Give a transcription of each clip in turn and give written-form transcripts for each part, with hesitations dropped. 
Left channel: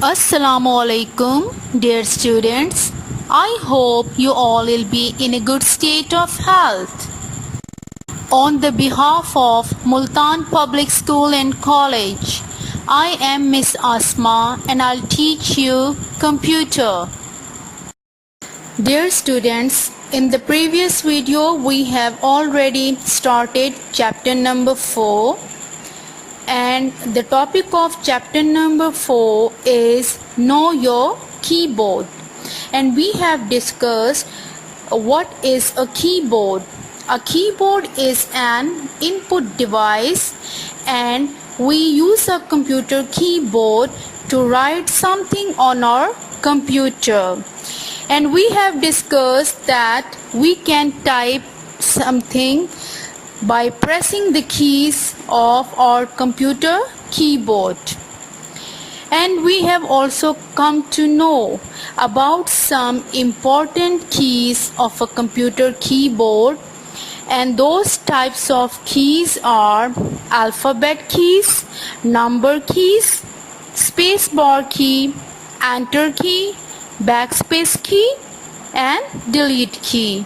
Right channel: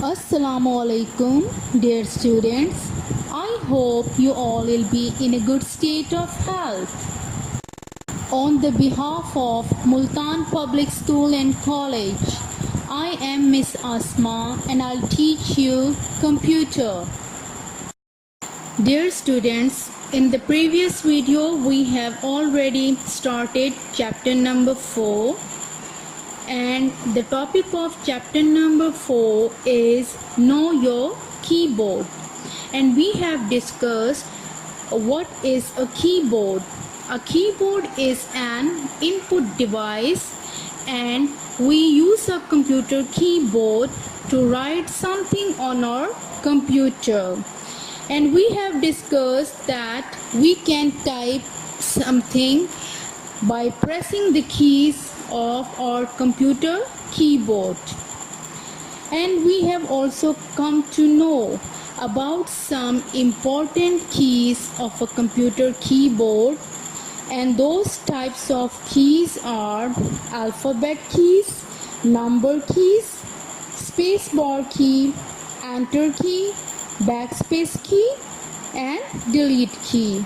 Assalamu alaikum, dear students. I hope you all will be in a good state of health. On the behalf of Multan Public School and College, I am Miss Asma and I'll teach you computer. Dear students, in the previous video we have already started chapter number 4. And the topic of chapter number 4 is Know Your Keyboard. And we have discussed what is a keyboard. A keyboard is an input device and we use a computer keyboard to write something on our computer. And we have discussed that we can type something by pressing the keys of our computer keyboard. And we have also come to know about some important keys of a computer keyboard, and those types of keys are alphabet keys, number keys, spacebar key, enter key, backspace key and delete key.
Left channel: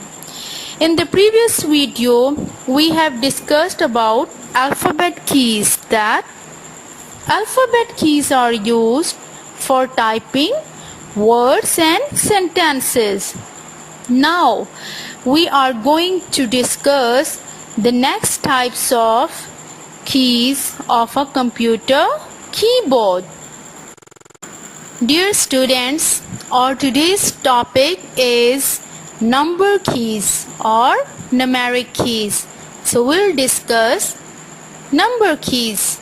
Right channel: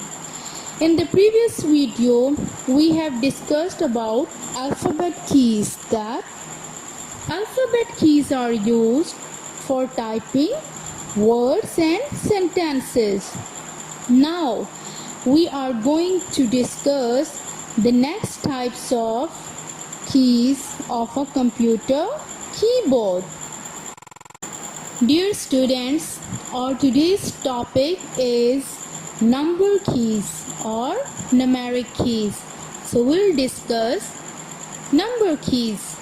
In the previous video, we have discussed about alphabet keys, that alphabet keys are used for typing words and sentences. Now, we are going to discuss the next types of keys of a computer keyboard. Dear students, our today's topic is number keys or numeric keys. So we'll discuss number keys.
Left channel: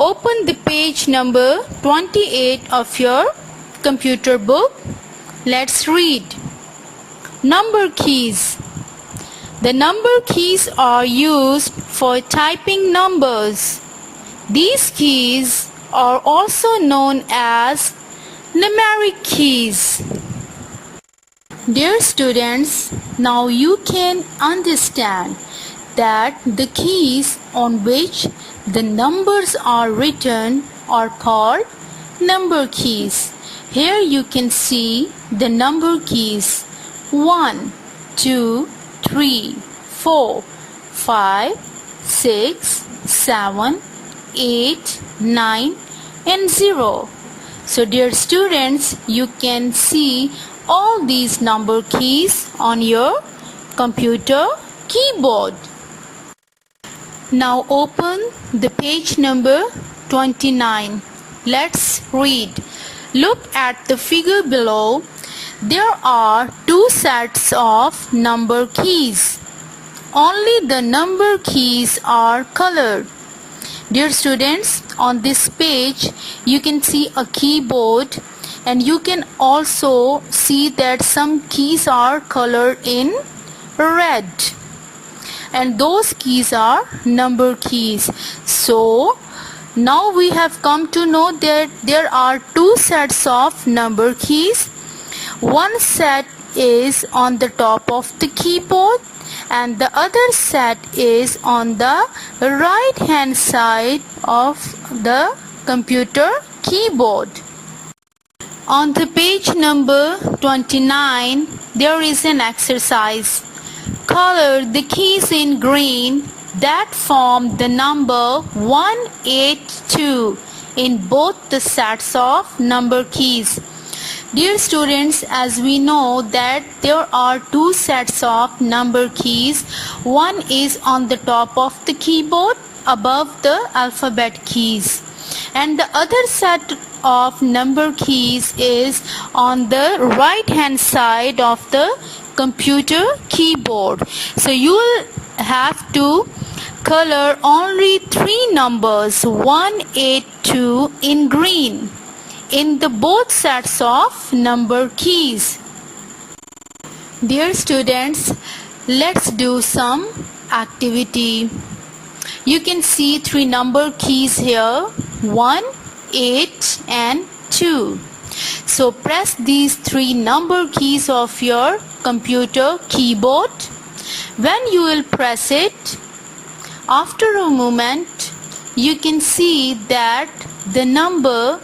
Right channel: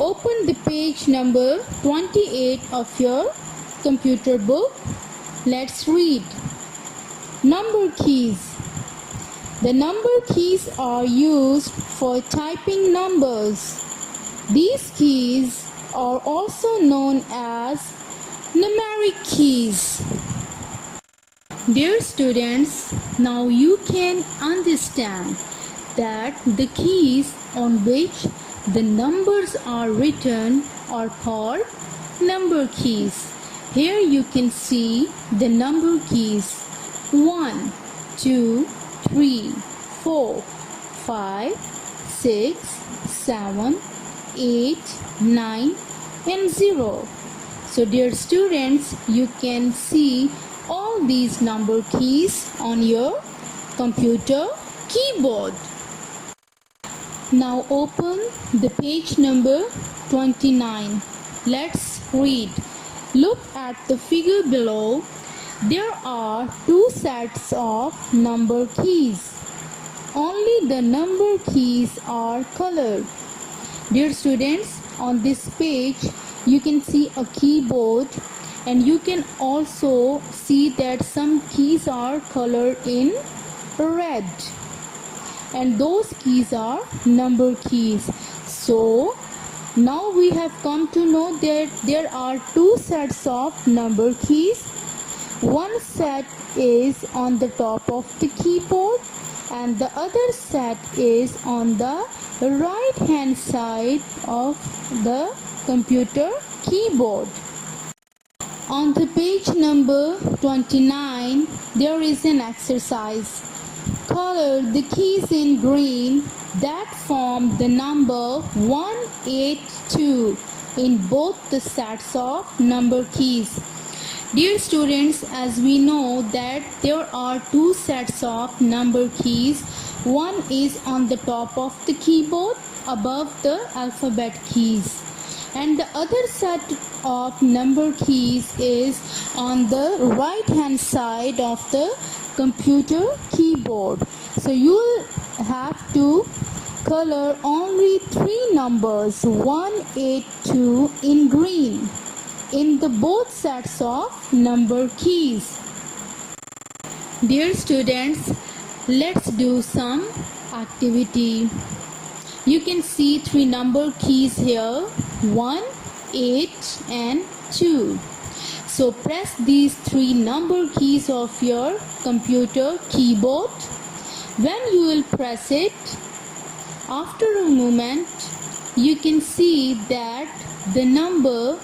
Open the page number 28 of your computer book. Let's read. Number keys. The number keys are used for typing numbers. These keys are also known as numeric keys. Dear students, now you can understand that the keys on which the numbers are written are called number keys. Here you can see the number keys 1, 2, 3, 4, 5, 6, 7, 8, 9 and 0. So dear students, you can see all these number keys on your computer keyboard. Now open the page number 29. Let's read. Look at the figure below. There are two sets of number keys. Only the number keys are colored. Dear students, on this page you can see a keyboard, and you can also see that some keys are colored in red, and those keys are number keys. So now we have come to know that there are two sets of number keys. One set is on the top of the keyboard and the other set is on the right hand side of the computer keyboard. On the page number 29, there is an exercise. Color the keys in green that form the number 182 in both the sets of number keys. Dear students, as we know that there are two sets of number keys. One is on the top of the keyboard above the alphabet keys, and the other set of number keys is on the right hand side of the computer keyboard. So you will have to color only three numbers 182 in green in the both sets of number keys. Dear students, let's do some activity. You can see three number keys here, 1, 8 and 2. So press these three number keys of your computer keyboard. When you will press it, after a moment you can see that the number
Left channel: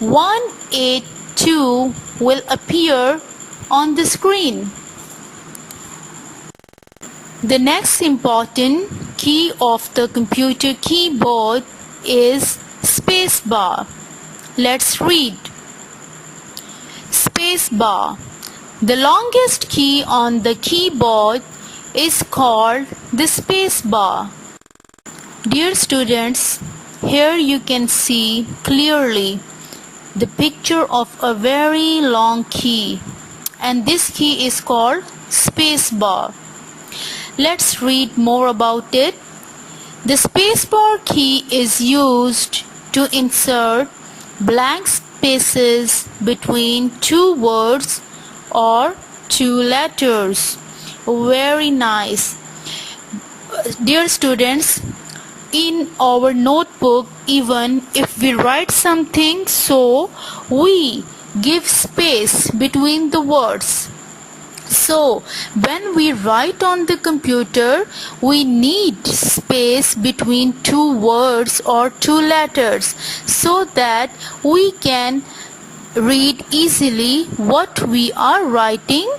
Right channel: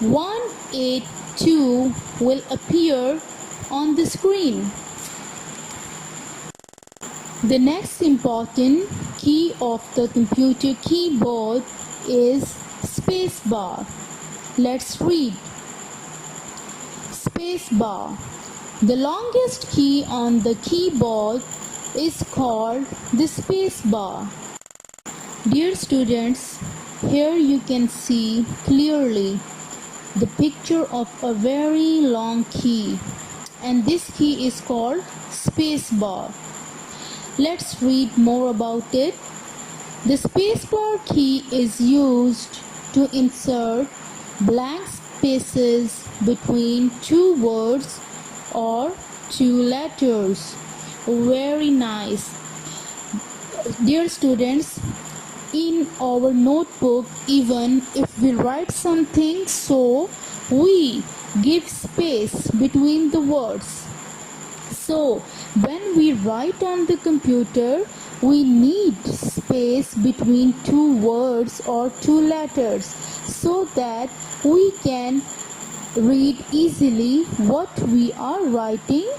182 will appear on the screen. The next important key of the computer keyboard is spacebar. Let's read. Spacebar. The longest key on the keyboard is called the spacebar. Dear students, here you can see clearly the picture of a very long key, and this key is called spacebar. Let's read more about it. The spacebar key is used to insert blank spaces between two words or two letters. Very nice. Dear students, in our notebook, even if we write something, so we give space between the words. So when we write on the computer, we need space between two words or two letters so that we can read easily what we are writing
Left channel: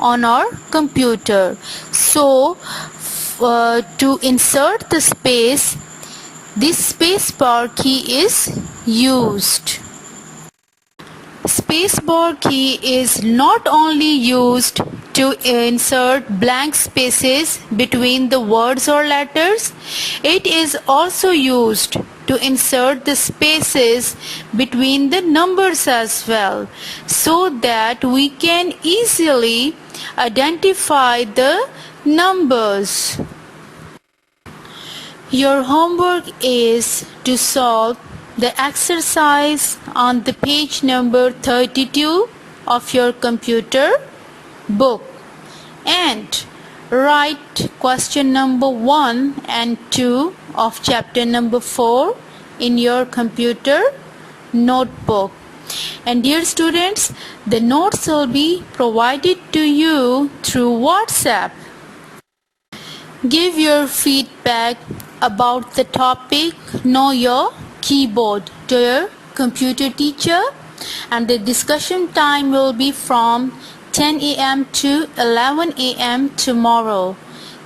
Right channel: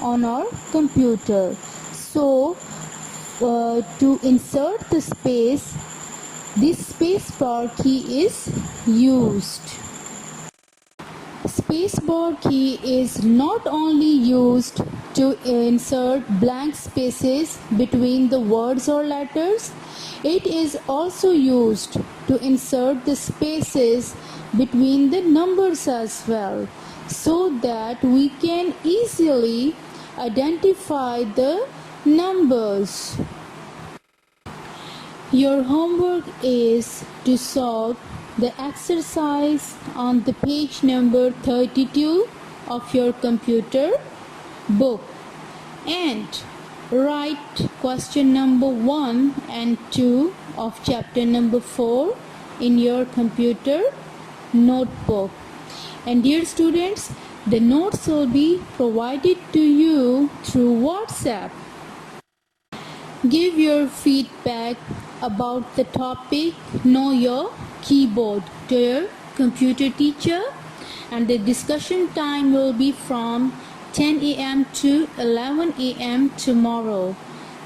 on our computer. So to insert the space, this spacebar key is used. Spacebar key is not only used to insert blank spaces between the words or letters, it is also used to insert the spaces between the numbers as well, so that we can easily identify the numbers. Your homework is to solve the exercise on the page number 32 of your computer book and write question number 1 and 2 of chapter number 4 in your computer notebook. And dear students, the notes will be provided to you through WhatsApp. Give your feedback about the topic Know Your Keyboard to your computer teacher, and the discussion time will be from 10 a.m. to 11 a.m. tomorrow.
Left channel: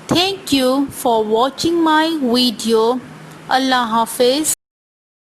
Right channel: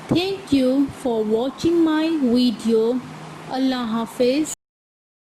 Thank you for watching my video. Allah Hafiz.